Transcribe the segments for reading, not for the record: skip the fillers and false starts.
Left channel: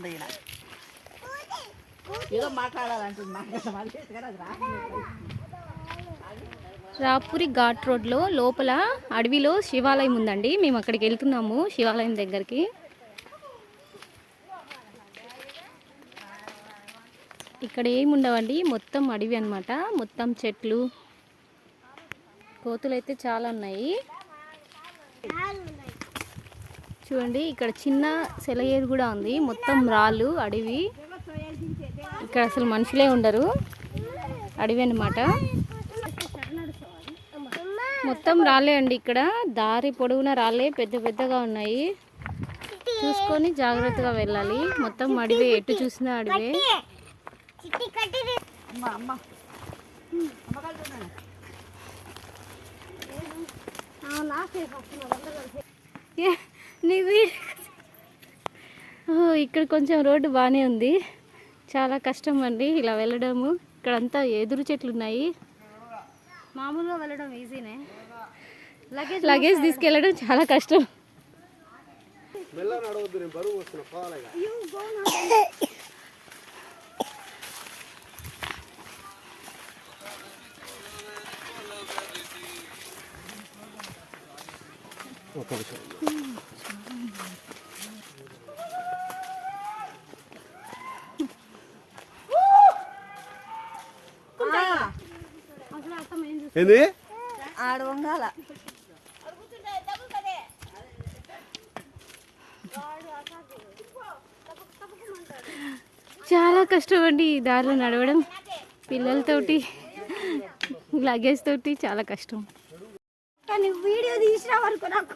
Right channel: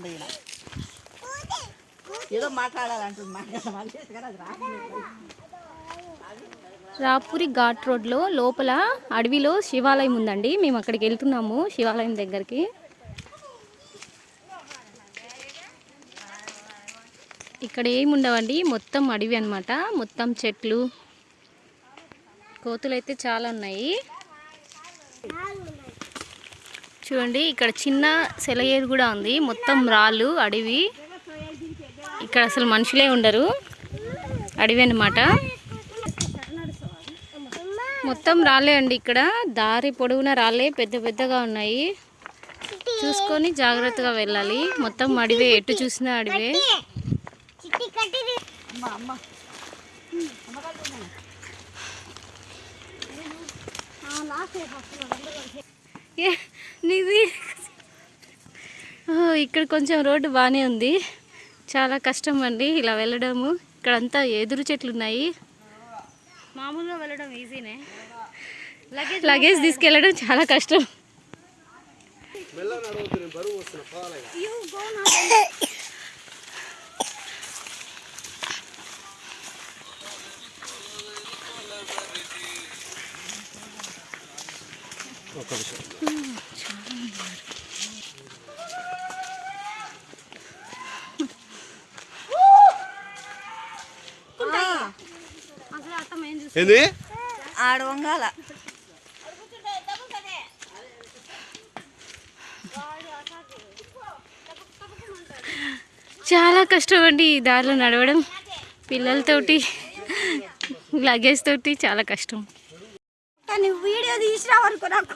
మాట్లాడుతుంది ఈయన ఏదో మాట్లాడాలంటుంది రాపూరి ఘాట్ రోడ్లో లోపల అడవిలో శివాలయం ఉందండి. మేము అక్కడికి వెళ్తున్నాము శివాలయం దగ్గరికి. ఇక్కడ ఏమి ఉండవండి, మొత్తం అడవి అన్నమాట. మొత్తం చెట్లు, కోతులు అయితే చాలా ఉన్నాయి. చూడండి ఇక్కడ చిన్న సెలయేరు కూడా ఉంది. మొత్తం రాళ్ళు, అడవి. ఇక్కడ అసలు మనుషులే ఉండరు, అడవి అన్నమాట. మొత్తం రాళ్ళే అండి. ఇక్కడ దారి పొడవునా రాళ్ళే పెద్ద పెద్దగా ఉన్నాయి. చూసుకొని జాగ్రత్తగా వెళ్ళాలి. మొత్తం అడవే, ఎటు చూసినా అడవే. ఇక్కడ కొంచెం రోడ్డు బాగానే ఉంది. చాలా కష్టం అండి ఇలా వెళ్ళడము. ఇక్కడంతా ఎదురు చెట్లు ఉన్నాయి. మామూలుగా వెళ్ళడం ఈజీనే, లగేజ్ తీసుకెళ్ళడం చాలా కష్టం. ఏంది ఆడ వంగాల చాలా కష్టం అండి ఈ దారిలో నడవడం. పిల్లలతోటి, లగేజ్ తోటి చాలా కష్టం. వీడియో తీసినావు అనుకో. నాకు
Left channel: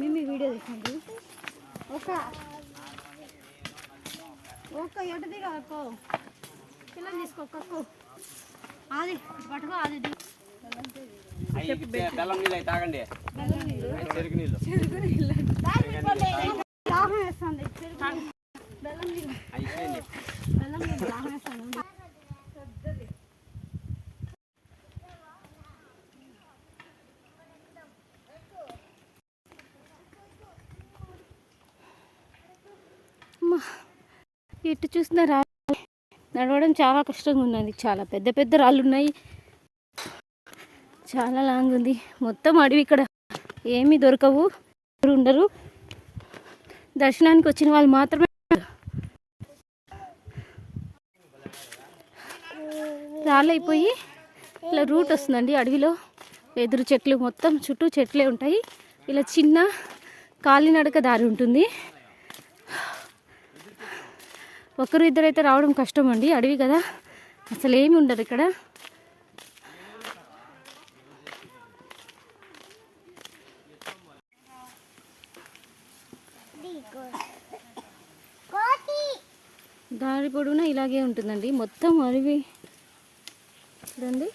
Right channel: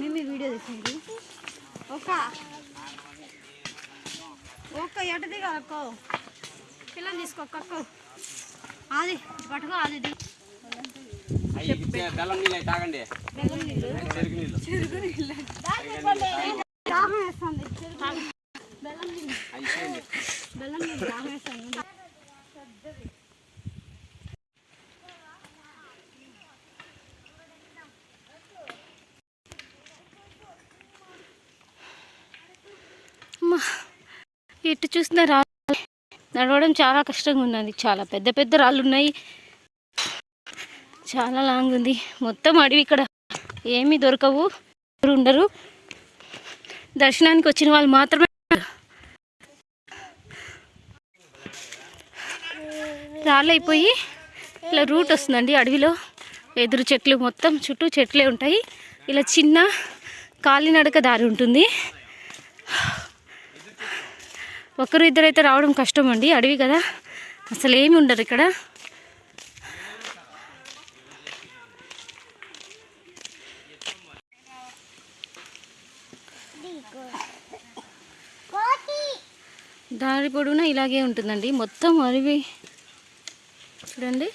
మేము వీడియో తీసింది ఒక ఎట దిగో పిల్లలు తీసుకోక్కో. అది పట్టుకో, అది బెల్లం నీళ్ళు తాగండి. బెల్లం నీళ్ళు, చెరుకు నీళ్ళు, చెరుకు నీళ్ళు దాహం వేస్తుంది. బెల్లం నీళ్ళు, బెల్లం నీళ్ళు దాహం వేస్తుంది. ఎటు చూసిన రాళ్ళు, నడవడం చాలా కష్టంగా ఉన్నది. చాలా పెద్ద పెద్ద రాళ్ళు ఉన్నాయి. చాలా లాంగ్ ఉంది. మొత్తం అడవి. ఇక్కడ ఏమీ దొరకవు, ఉండరు. దర్శనానికి వచ్చిన వాళ్ళు మాత్రమే. రాళ్ళు అయిపోయి ఇలా రూట్ వస్తుందండి అడవిలో. ఎదురు చెట్లు, మొత్తం చుట్టూ చెట్లే ఉంటాయి. ఇలా చిన్న కాలినడక దారి ఉంటుంది. ఒకరు ఇద్దరైతే రావడం కష్టం అండి, అడవి కదా, అసలు ఏమి ఉండరు ఇక్కడ. దారి పొడవునా ఇలాగే ఉంటుందండి, మొత్తం అడవి. చూడండి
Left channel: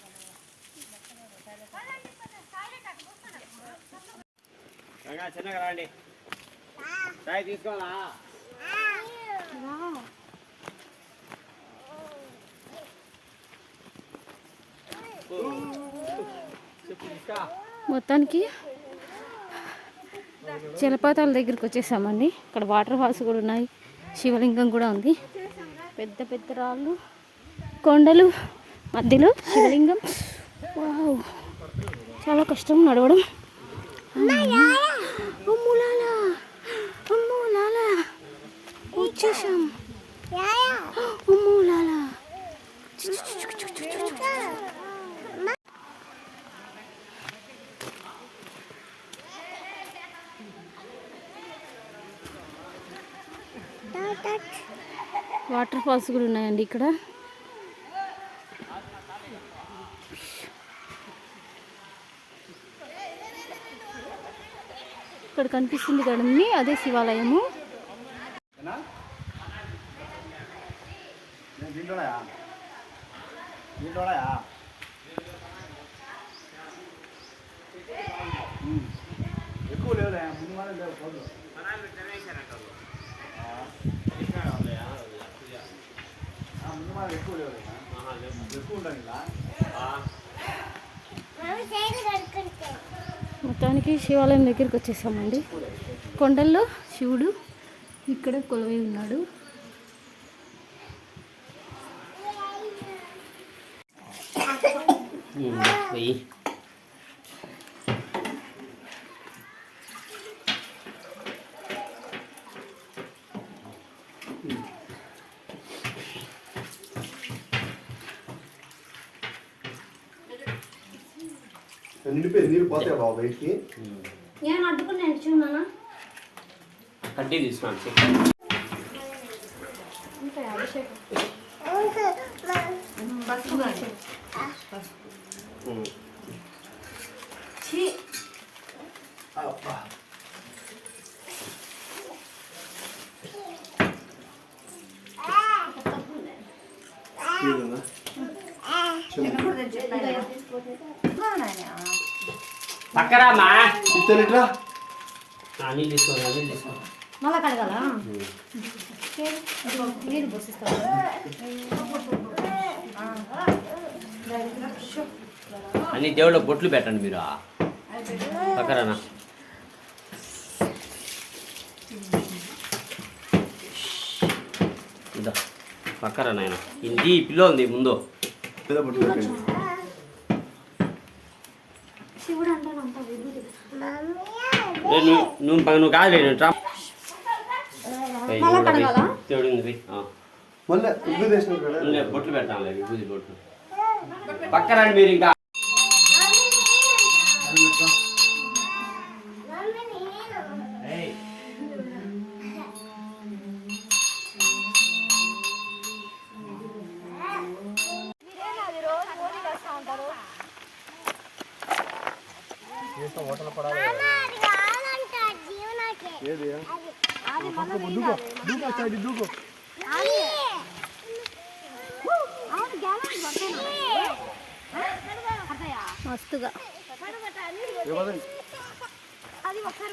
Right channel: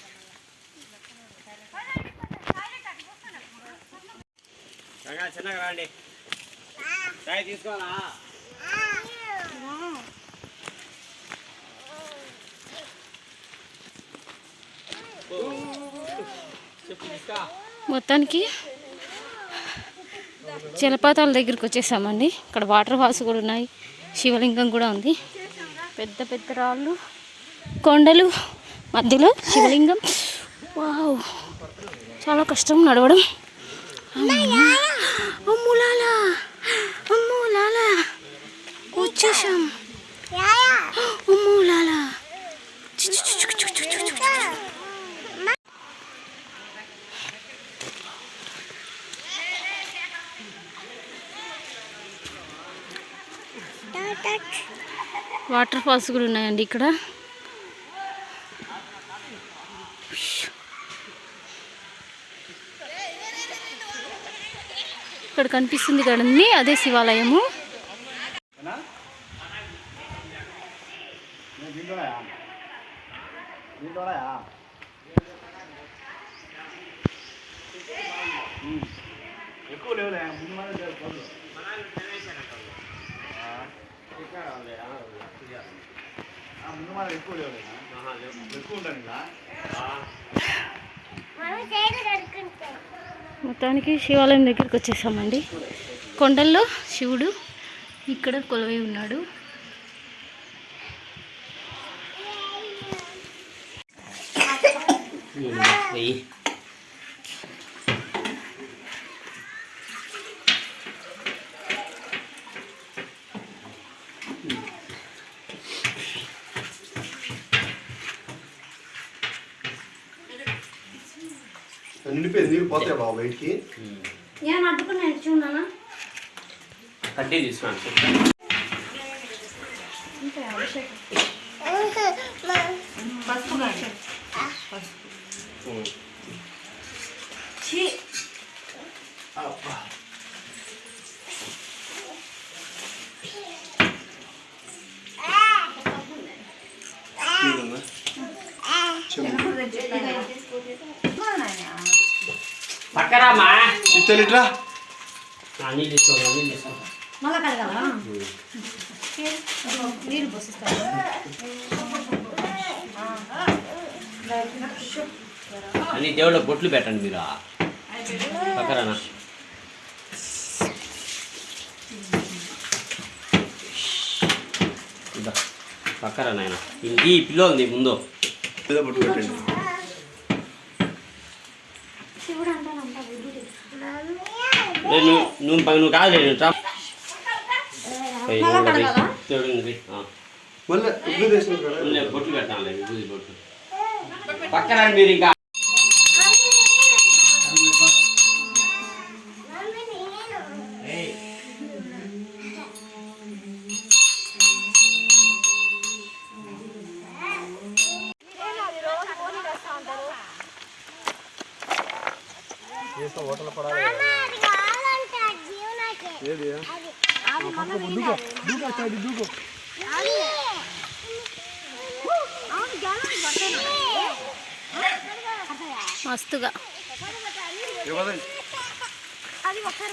మొత్తానికి జలపాతాల దగ్గరికి వచ్చేసామండి. ఇక్కడ వాటర్ ఫాల్స్ కూడా ఉన్నాయి, శివలింగం కూడా ఉంది. పెద్ద పెద్ద రాళ్ళు, కొండలు, మధ్యలో శివలింగం. వావ్, చాలా కష్టం నడవడం. అమ్ములాలా, అమ్ములాలా వచ్చేసాం. అమ్ములాలా, వాటర్ ఫాల్స్ కూడా ఉన్నాయండి ఇక్కడ. ఇక్కడ కనిపిస్తుంది కదండి, అదే శివాలయము. మొత్తానికి శివాలయం దగ్గరికి వచ్చేసామండి. కొండల్లో శివుడు, ఇక్కడ కొలువై ఉన్నాడు. నీళ్ళు పోతాయి బాబు బయటికి. ఏమన్నా అడ్డుకున్నాను చూడనా కడ్డీ తీసుకున్నాను. పక్కరామా ఇట్లా నీళ్ళు తీసుకో, నీళ్ళు తీసుకో. మళ్ళా కడగాలా నీళ్ళు పోసిస్తాను. అన్ని దేవుళ్ళ బొట్లు పెట్టండి మీరు పక్కరానా. ఇదా పక్కరా నాయన. ఈ పిల్లలు ముందు బొట్టు పెట్టండి. నువ్వు కాదు రా దేవుడు ఉంది. బొట్లు పెడతాను విభూది బొట్లు. పక్కరండి మీరు ఇంకా. హోటల్ పడాలి. మస్తుగా అది ఒకసారి